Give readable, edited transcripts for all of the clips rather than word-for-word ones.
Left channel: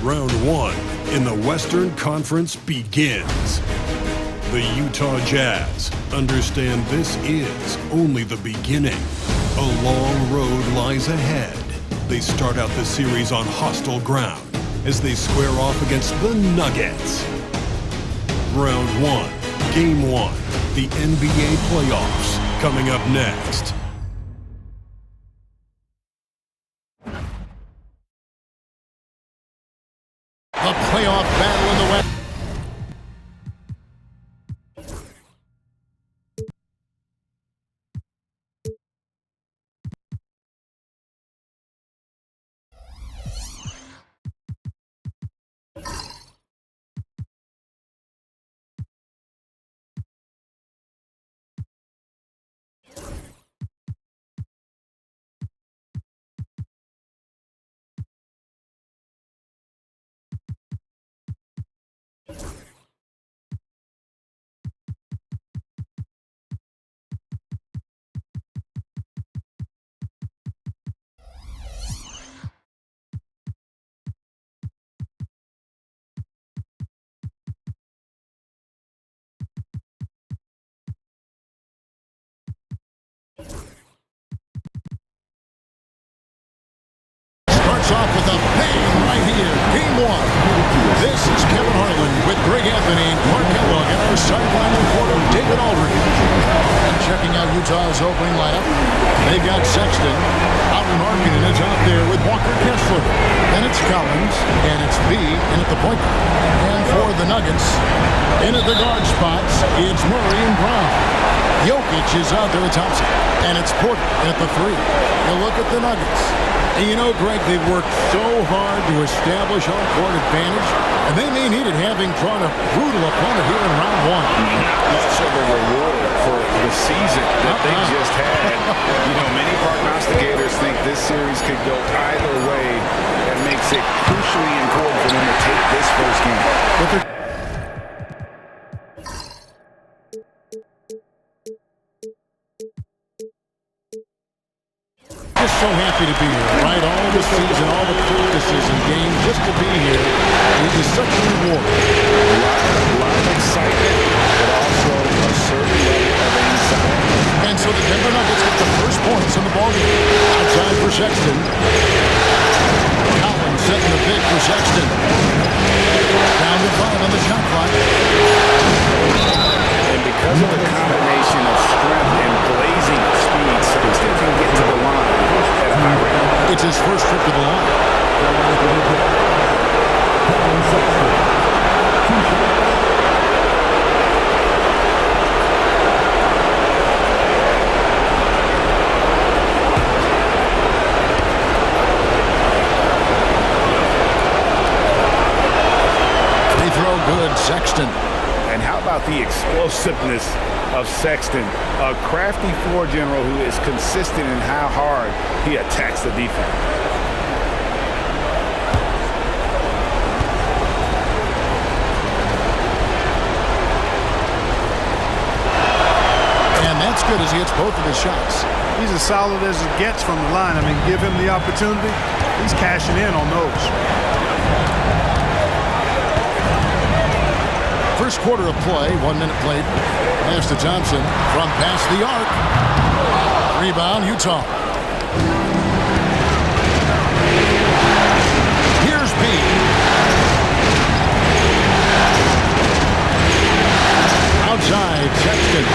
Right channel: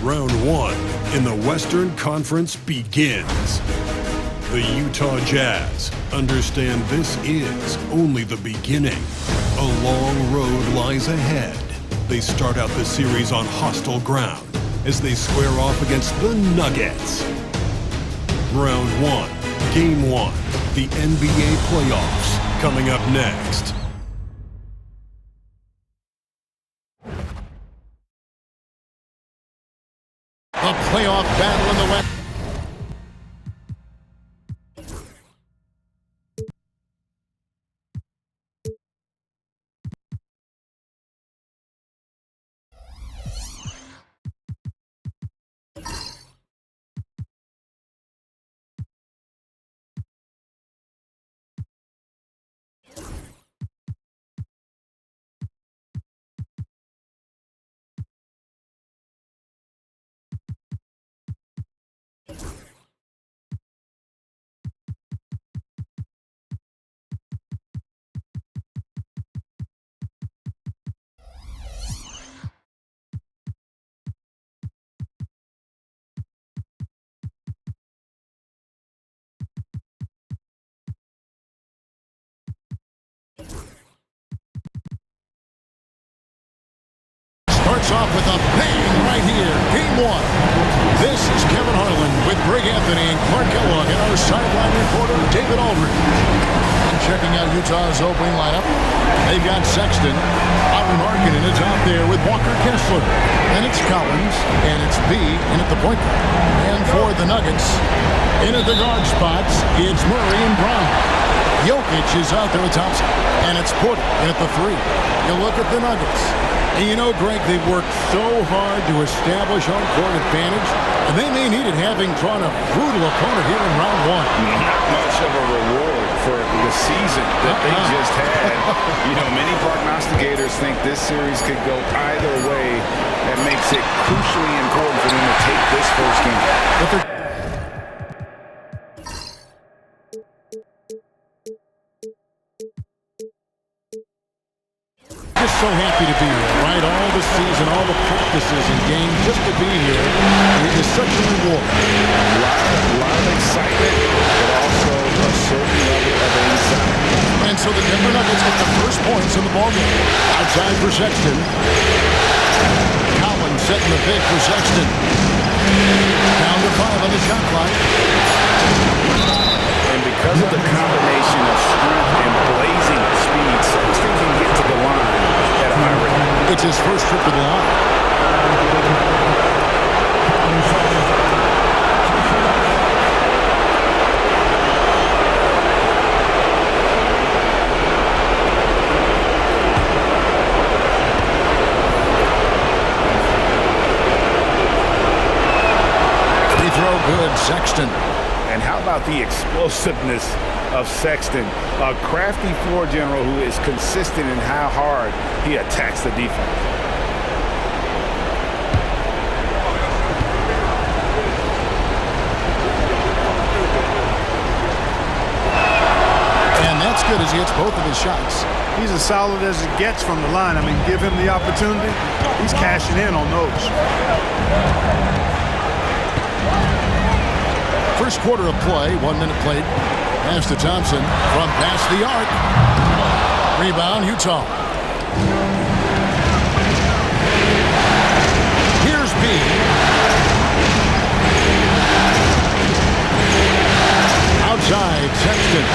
Round one in the Western Conference begins. The Utah Jazz understand this is only the beginning. A long road lies ahead. They start out the series on hostile ground as they square off against the Nuggets. Round one, Game 1, the NBA playoffs, coming up next. A playoff battle in the West. Starts off with a bang right here. Game 1. This is Kevin Harlan with Greg Anthony and Clark Kellogg and our sideline reporter David Aldridge. And checking out Utah's opening lineup, they've got Sexton. Lauri Markkanen is out there with Walker Kessler. Then it's Collins, and it's B in at the point guard. And for the Nuggets, in at the guard spots, it's Murray and Brown. Jokic is out there with Thompson, and it's Porter in at the 3. You look at the Nuggets. And you know, Greg, they've worked so hard to establish home court advantage, and they may need it having drawn a brutal opponent here in round 1. Not much of a reward for the season that they just had. You know, many prognosticators think this series could go either way. That makes it crucially important for them to take this first game. But they're just so happy to be here, right? All the season, all the practices and games, just to be here is such a reward. A lot of excitement, but also a certain level of anxiety. And so the Denver Nuggets get the first points in the ballgame. Outside for Sexton. Collins setting the pick for Sexton. Down to 5 on the shot clock. And because of the combination of strength and blazing speed, Sexton can get to the line at a high rate. It's his first trip to the line. Free throw good, Sexton. And how about the explosiveness of Sexton, a crafty floor general who is consistent in how hard he attacks the defense. And that's good as he hits both of his shots. He's as solid as it gets from the line. I mean, give him the opportunity. He's cashing in on those. First quarter of play, 1 minute played. Pass to Thompson from past the arc. Rebound, Utah. Here's B. Outside, Sexton.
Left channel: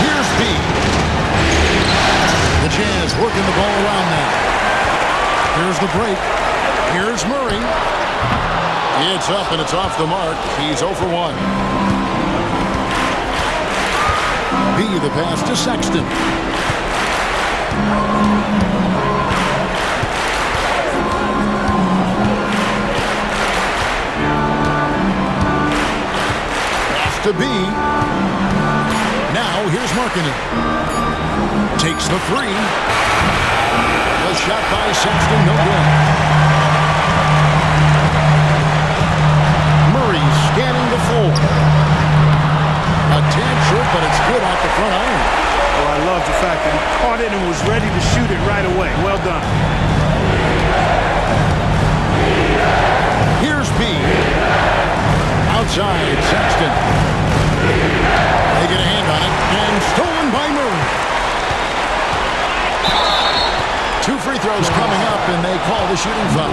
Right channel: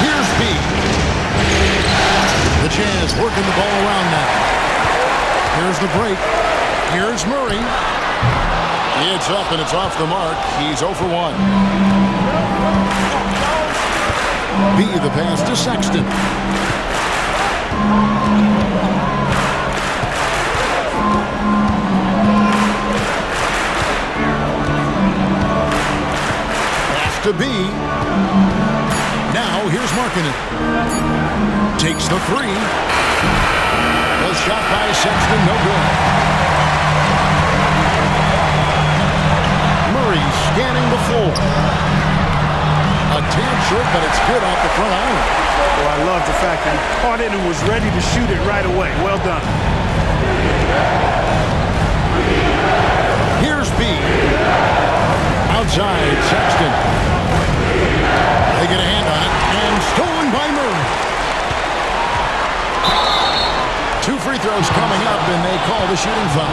Here's B. The Jazz working the ball around now. Here's the break. Here's Murray. It's up and it's off the mark. He's 0 for 1. B the pass to Sexton. Pass to B. Now here's Markkanen. Takes the 3. The shot by Sexton, no good. Murray scanning the floor. A tad short, but it's good off the front iron. Oh, I love the fact that he caught it and was ready to shoot it right away. Well done. Here's B. Outside, Sexton. They get a hand on it, and stolen by Murray. 2 free throws coming up, and they call the shooting foul.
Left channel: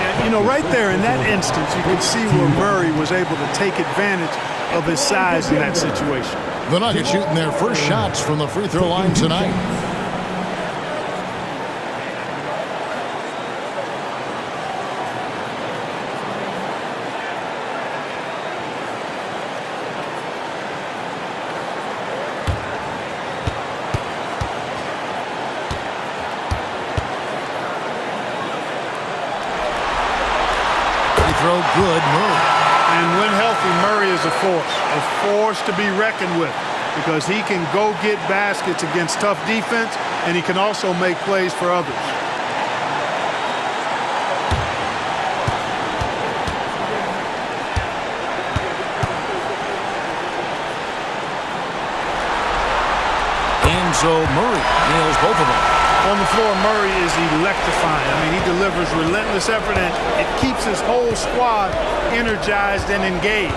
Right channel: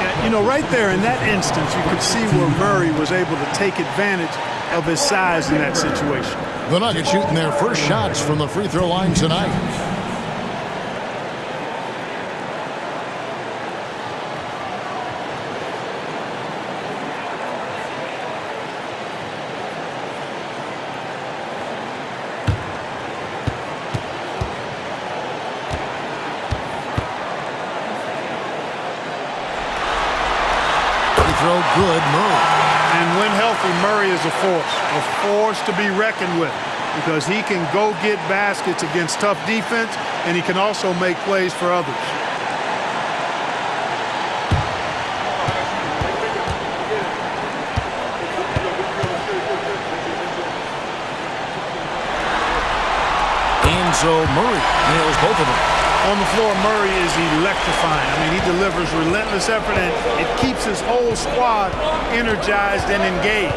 Yeah, you know, right there in that instance, you could see where Murray was able to take advantage of his size in that situation. The Nuggets shooting their first shots from the free throw line tonight. Throw good, Murray. And when healthy, Murray is a force to be reckoned with, because he can go get baskets against tough defense, and he can also make plays for others. And so Murray nails both of them. On the floor, Murray is electrifying. I mean, he delivers relentless effort, and it keeps his whole squad energized and engaged.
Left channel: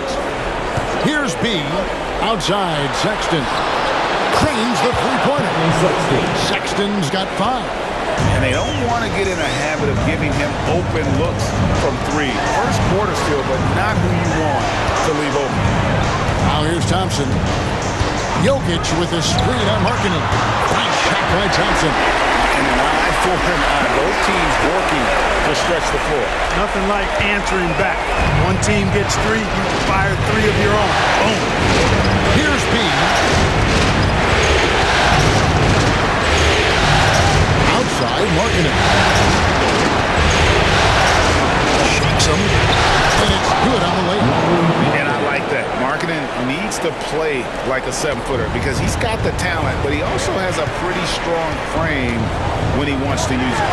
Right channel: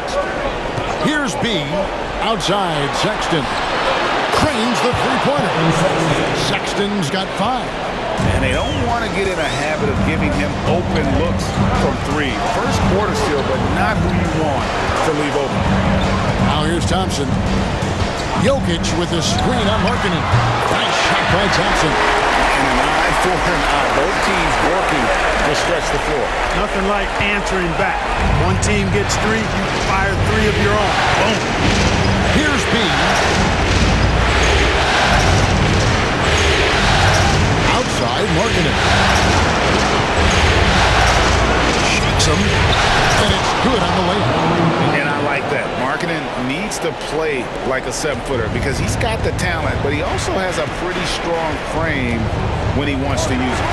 Here's B. Outside, Sexton. Cranes the three-pointer. Sexton's got 5. And they don't want to get in a habit of giving him open looks from 3. First quarter still, but not who you want to leave open. Now here's Thompson. Jokic with a screen on Markkanen. Nice shot by Thompson. And an eye for an eye. Both teams working to stretch the floor. Nothing like answering back. One team gets 3, you fire 3 of your own. Boom. Here's B. Outside, Markkanen. Shakes him. And it's good on the layup. And I like that. Markkanen needs to play like a 7-footer because he's got the talent, but he also has a pretty strong frame when he wants to use it.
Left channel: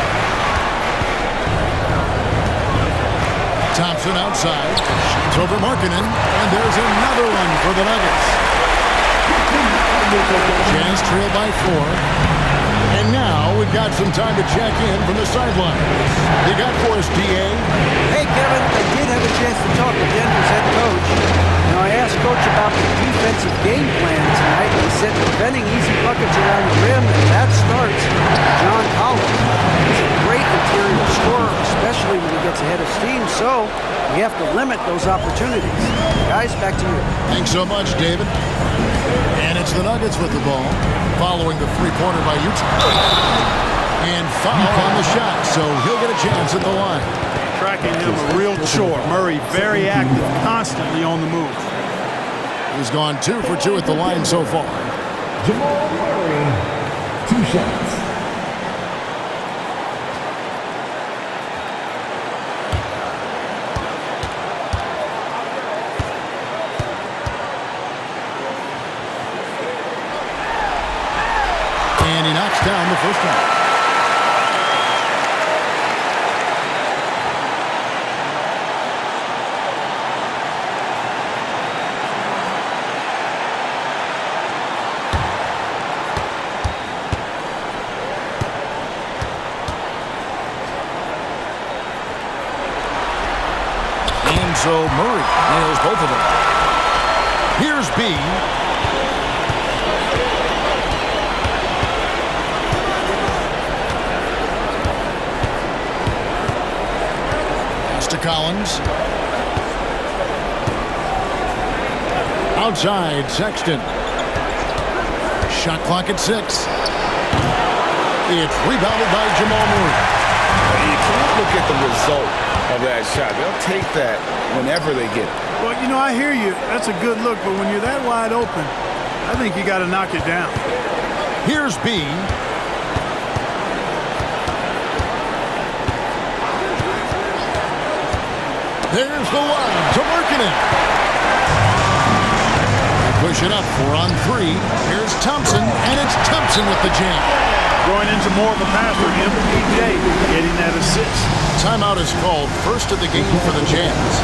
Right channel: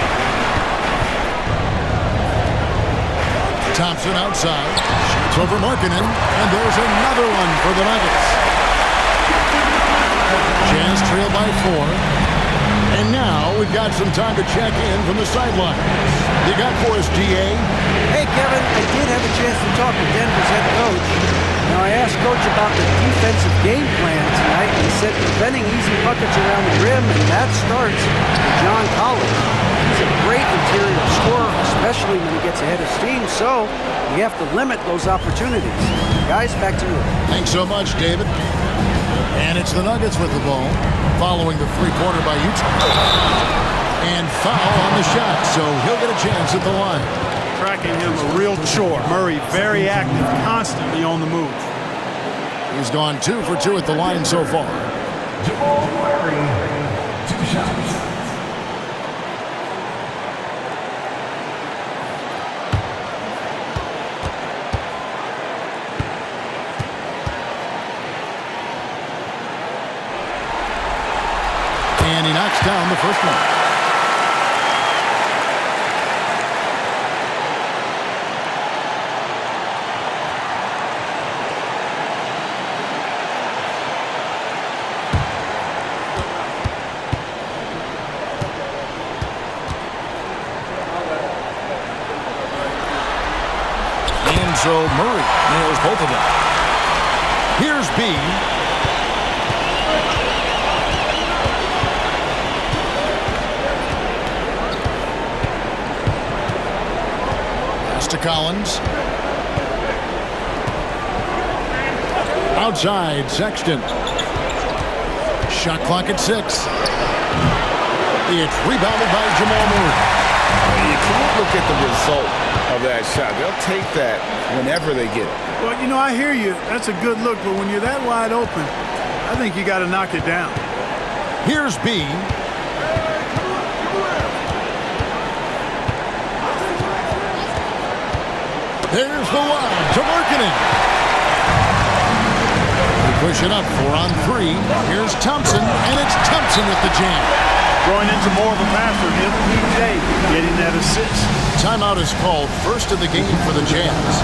Thompson outside. Shoots over Markkanen. And there's another one for the Nuggets. Jazz trail by 4. And now we've got some time to check in from the sidelines. You got for us, D.A.? Hey, Kevin, I did have a chance to talk with Denver's head coach. Now, I asked Coach about the defensive game plan tonight, and he said preventing easy buckets around the rim, and that starts with John Collins. He's a great interior scorer, especially when he gets ahead of steam, so we have to limit those opportunities. Guys, back to you. Thanks so much, David. And it's the Nuggets with the ball, following the three-pointer by Utah. And foul on the shot, so he'll get a chance at the line. Tracking him a real chore. Murray very active, constantly on the move. He's gone 2 for 2 at the line so far. Jamal Murray, 2 shots. And he knocks down the first one. And so Murray nails both of them. Here's B. To Collins. Outside, Sexton. Shot clock at 6. It's rebounded by Jamal Murray. You can't look at the result of that shot. They'll take that whenever they get it. Well, you know, I hear you. That's a good look, but when you're that wide open, I think you got to knock it down. Here's B. There's the lob to Markkanen. They push it up 4 on 3. Here's Thompson, and it's Thompson with the jam. Growing into more of a passer, MPJ getting that assist. Timeout is called, first of the game for the Jazz.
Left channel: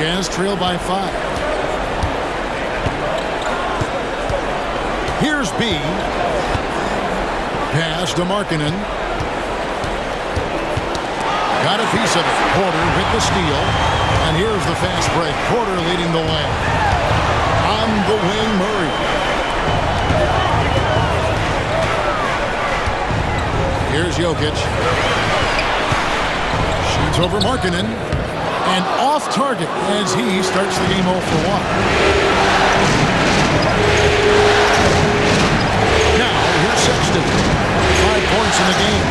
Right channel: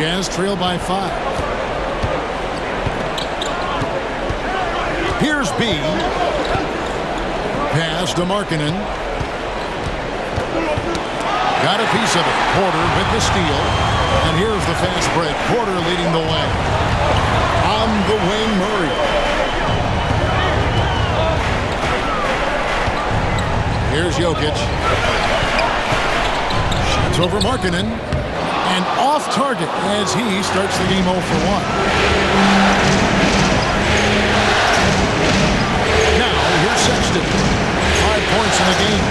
Jazz trail by 5. Here's B. Pass to Markkanen. Got a piece of it. Porter with the steal. And here's the fast break. Porter leading the way. On the wing, Murray. Here's Jokic. Shoots over Markkanen. And off target as he starts the game 0 for 1. Now, here's Sexton. 5 points in the game.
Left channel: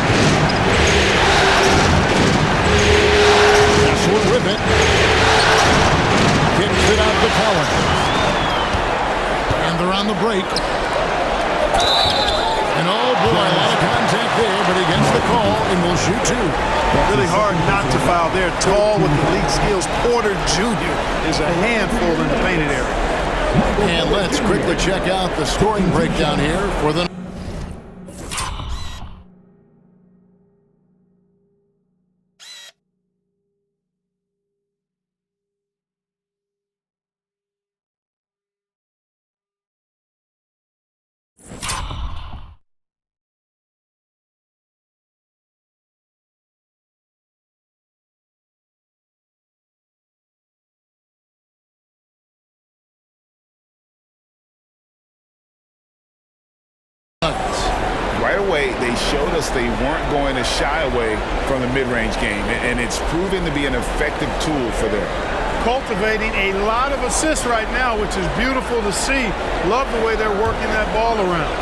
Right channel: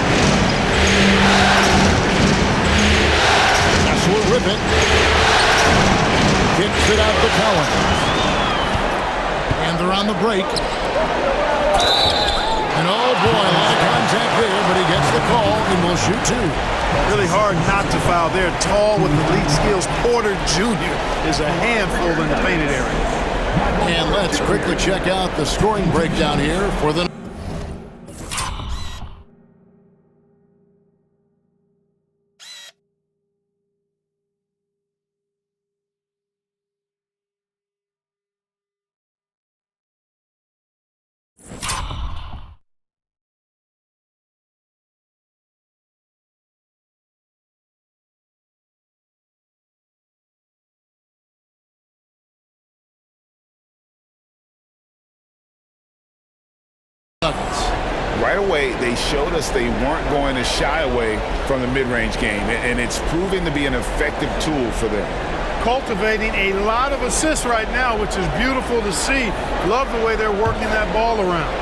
Kessler with it. Kicks it out to Collins. And they're on the break. And oh boy, a lot of contact there, but he gets the call and will shoot 2. Really hard not to foul there. Tall with elite skills. Porter Jr. is a handful in the painted area. And let's quickly check out the scoring breakdown here for the Nuggets. Right away, they showed us they weren't going to shy away from the mid-range game, and it's proving to be an effective tool for them. Cultivating a lot of assists right now, which is beautiful to see. Love the way they're working that ball around.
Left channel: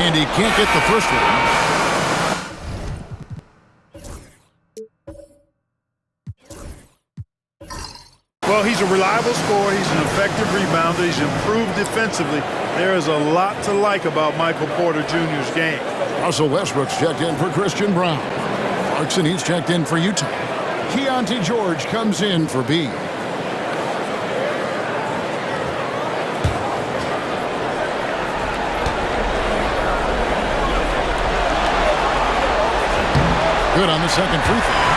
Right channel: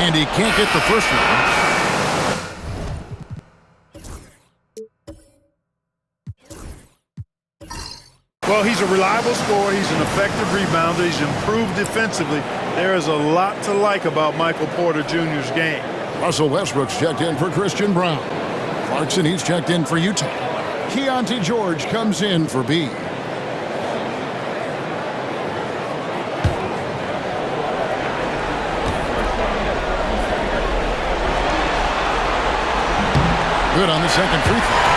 And he can't get the first one. Well, he's a reliable scorer. He's an effective rebounder. He's improved defensively. There is a lot to like about Michael Porter Jr.'s game. Russell Westbrook's checked in for Christian Brown. Clarkson, he's checked in for Utah. Keontae George comes in for B. Good on the second free throw.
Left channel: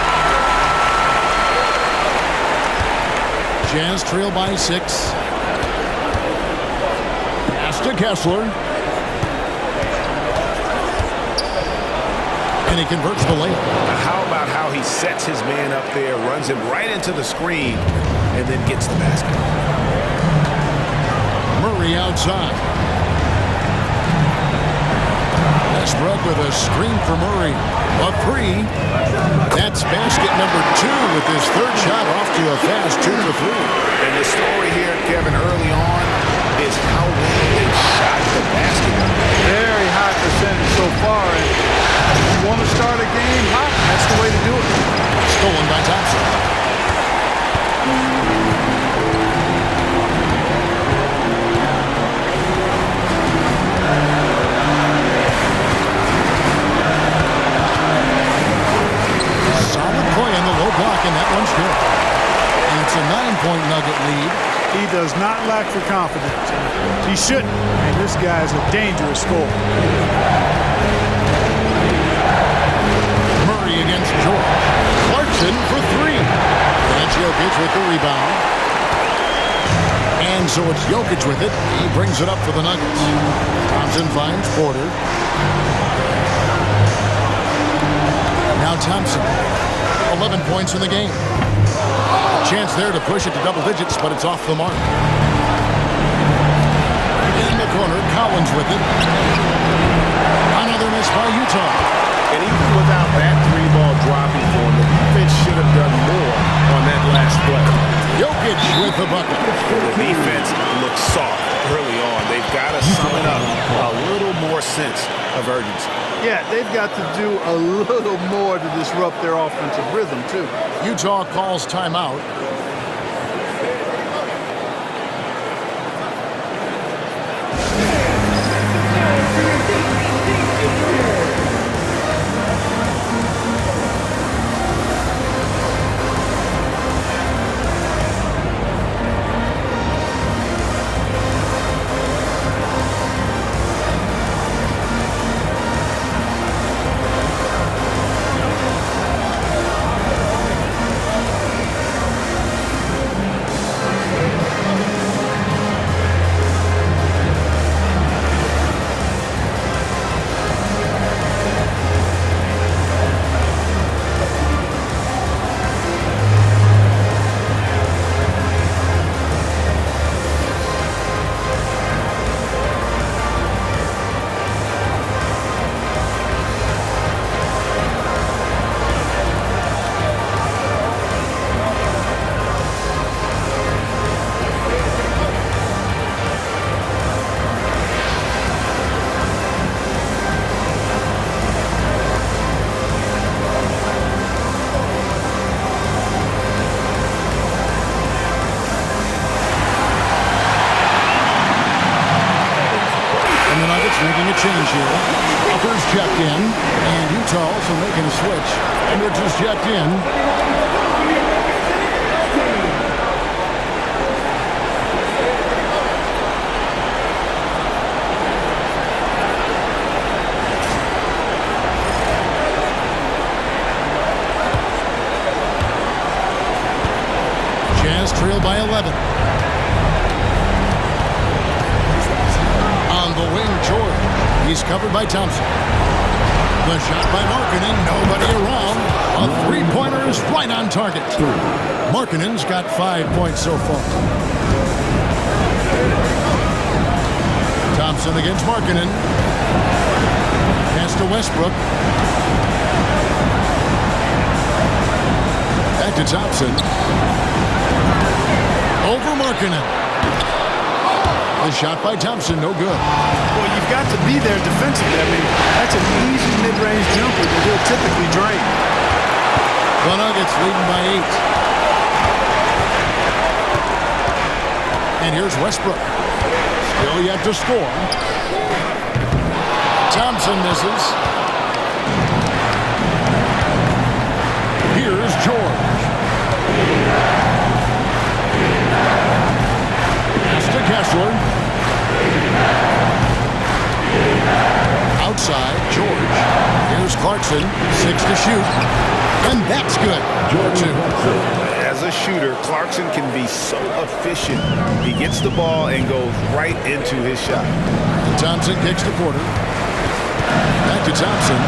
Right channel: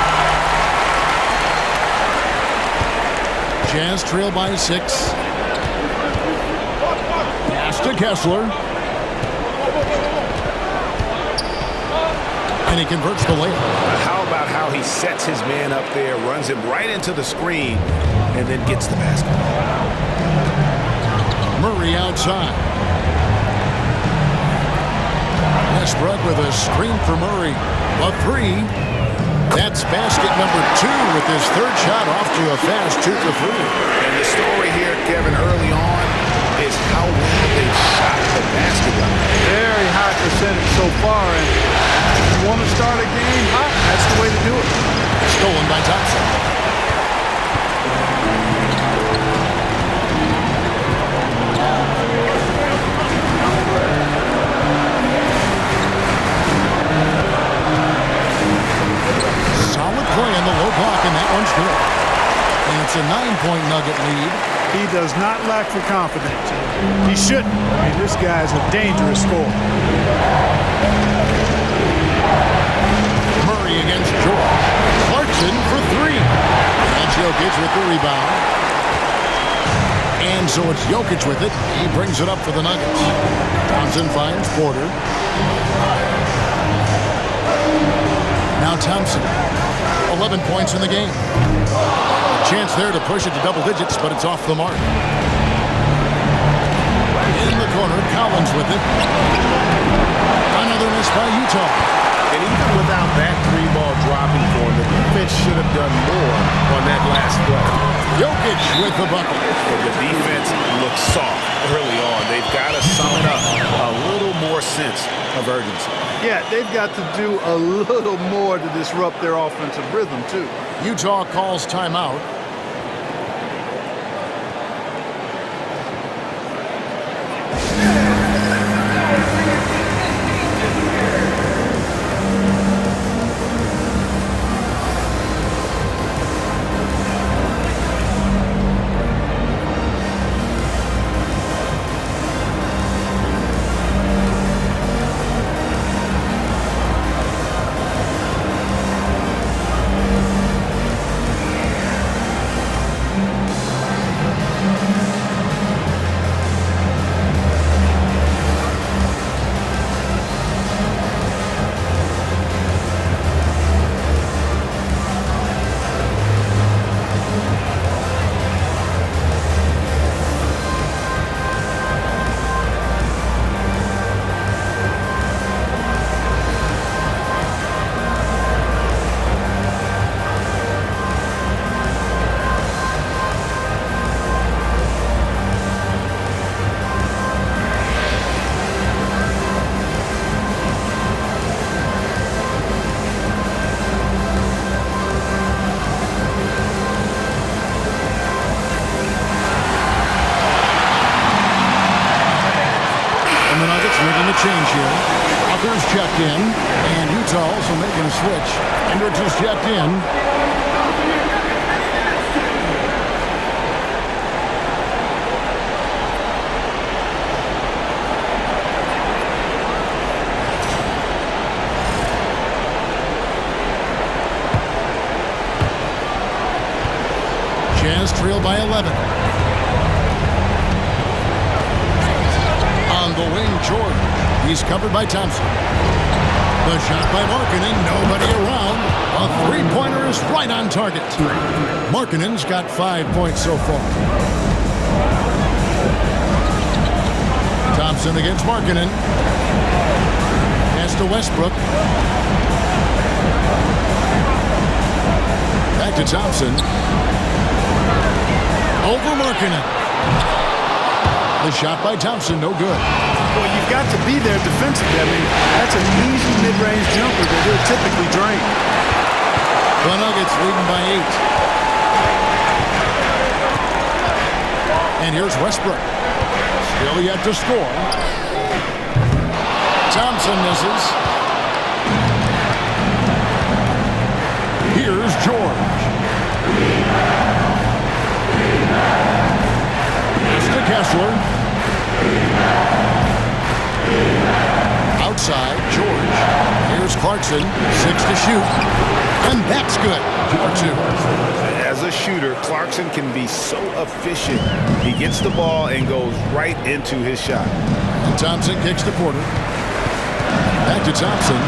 Jazz trail by 6. Pass to Kessler. And he converts the layup. How about how he sets his man up there, runs him right into the screen, and then gets the basket. Murray outside. Westbrook with a screen for Murray. A 3. That's basket number 2 with his third shot off to a fast 2 for 3. And the story here, Kevin, early on is how well they shot the basketball. Very high percentage so far. And if you want to start a game hot, that's the way to do it. Stolen by Thompson. Solid play on the low block, and that one's good. And it's a 9-point Nugget lead. He does not lack for confidence. He shouldn't. I mean, this guy's a dangerous scorer. Murray against George. Clarkson for 3. And Jokic with the rebound. And so it's Jokic with it. He brings it up for the Nuggets. Thompson finds Porter. Now Thompson. 11 points in the game. A chance there to push it to double digits, but it's off the mark. In the corner, Collins with it. Another miss by Utah. And even without that 3-ball dropping for him, the defense should have done more on that last play. Jokic with the bucket. And the defense looks soft early on. They've got to sum it up. A little more sense of urgency. Yeah, they've got to do a little more to disrupt their offensive rhythm, too. Utah calls timeout. And the Nuggets making a change here. Walker's checked in, and Utah also making a switch. Hendricks is checked in. Jazz trail by 11. On the wing, George. He's covered by Thompson. The shot by Markkanen. Nobody around. A three-pointer is right on target. Markkanen's got 5 points so far. Thompson against Markkanen. Pass to Westbrook. Back to Thompson. Over Markkanen. The shot by Thompson, no good. Well, you've got to be there defensively. I mean, that's an easy mid-range jumper that he'll typically drain. The Nuggets leading by 8. And here's Westbrook. Still yet to score. Thompson misses. Here's George. Pass to Kessler. Outside, George. Here's Clarkson. 6 to shoot. And that's good. For 2. As a shooter, Clarkson can be so efficient. He gets the ball and goes right into his shot. And Thompson kicks to Porter. Back to Thompson.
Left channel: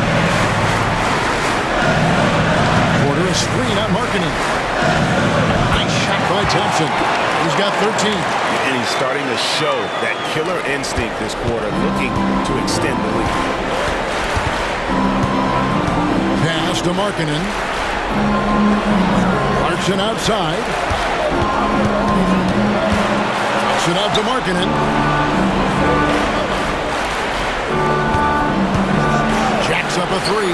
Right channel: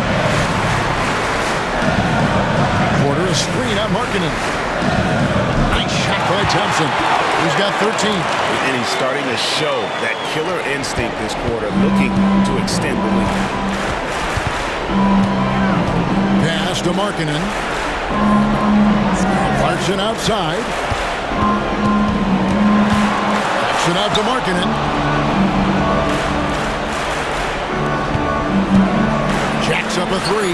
Porter, a screen on Markkanen. Nice shot by Thompson. He's got 13. And he's starting to show that killer instinct this quarter, looking to extend the lead. Pass to Markkanen. Clarkson outside. Kicks it out to Markkanen. Jacks up a 3.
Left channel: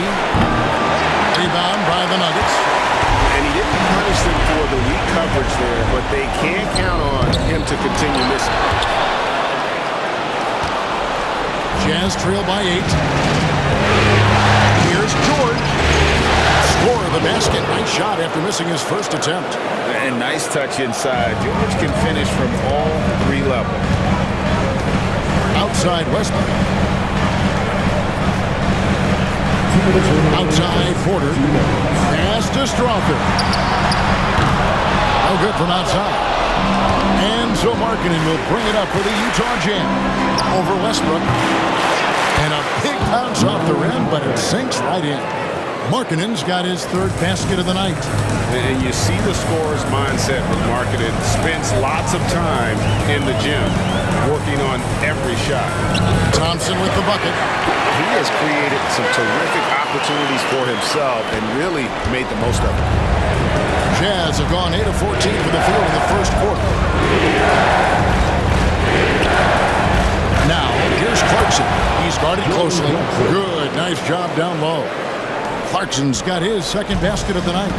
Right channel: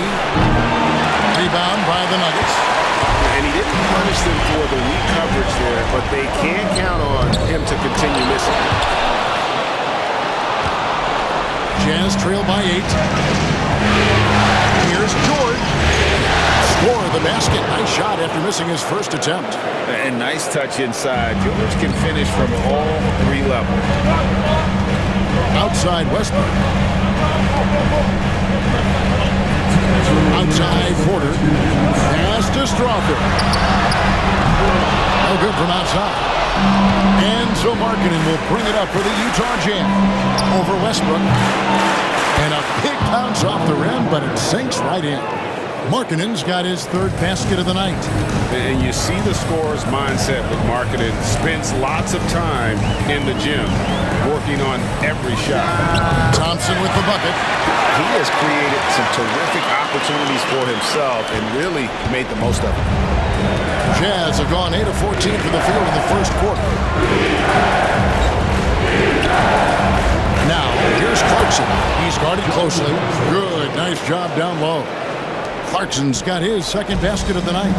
Rebound by the Nuggets. And he didn't punish them for the weak coverage there, but they can't count on him to continue missing. Jazz trail by 8. Here's George. Score the basket. Nice shot after missing his first attempt. And nice touch inside. George can finish from all 3 levels. Outside Westbrook. Outside Porter. Pass to Strother. No good from outside. And so Markkanen will bring it up for the Utah Jazz. Over Westbrook. And a big bounce off the rim, but it sinks right in. Markkanen's got his 3rd basket of the night. And you see the scorer's mindset with Markkanen. Spends lots of time in the gym working on every shot. Thompson with the bucket. He has created some terrific opportunities for himself and really made the most of it. Jazz have gone 8 of 14 for the field in the first quarter. Now, here's Clarkson. He's guarded closely. Good, nice job down low. Clarkson's got his 2nd basket of the night.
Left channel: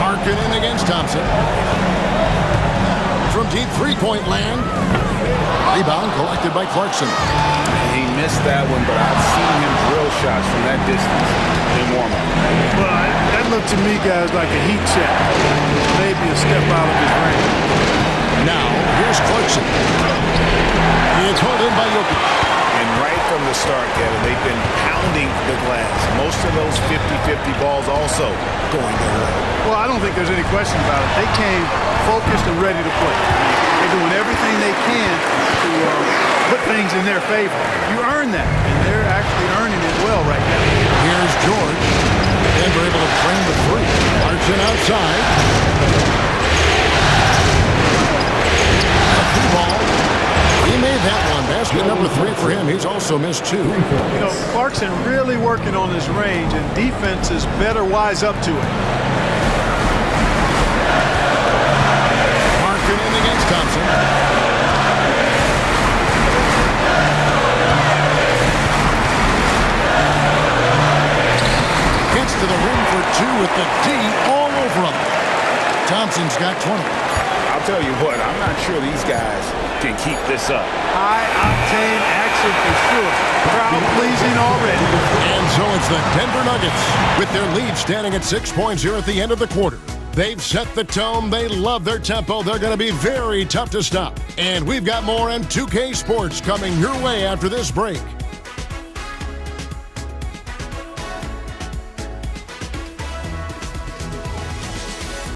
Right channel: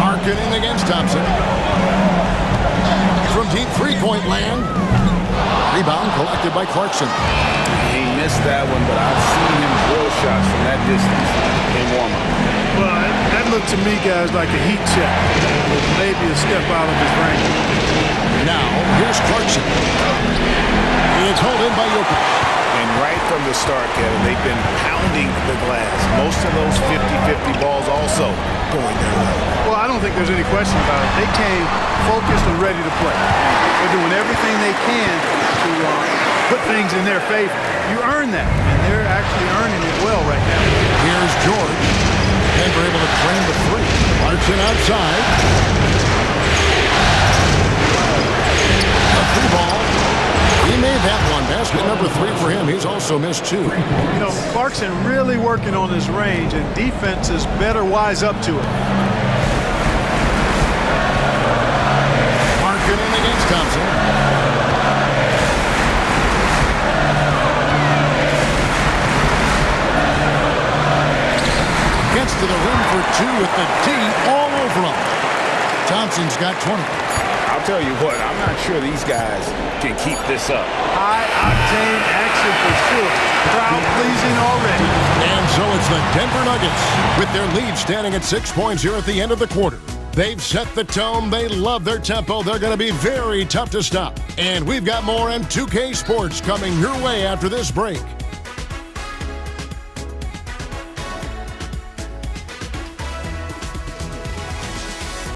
Markkanen against Thompson. From deep three-point land. Rebound collected by Clarkson. He missed that one, but I've seen him drill shots from that distance in warm-up. Well, that looked to me, guys, like a heat check. It was maybe a step out of his range. Now, here's Clarkson. It's hauled in by Jokic. And right from the start, Kevin, they've been pounding the glass. Most of those 50-50 balls also going their way. Well, I don't think there's any question about it. They came focused and ready to play. They're doing everything they can to put things in their favor. You earn that, and they're actually earning it well right now. Here's George. Denver able to train the 3. Clarkson outside. A 3-ball. He made that one. Basket number 3 for him. He's also missed 2. You know, Clarkson really working on his range, and defenses better wise up to it. Markkanen against Thompson. Gets to the rim for 2 with the D all over him. Thompson's got 20. I'll tell you what, I'm not sure these guys can keep this up. High-octane action for sure. Crowd-pleasing already. And so it's the Denver Nuggets with their lead standing at 6 points here at the end of the quarter. They've set the tone. They love their tempo. They're going to be very tough to stop. And we've got more on 2K Sports coming your way after this break.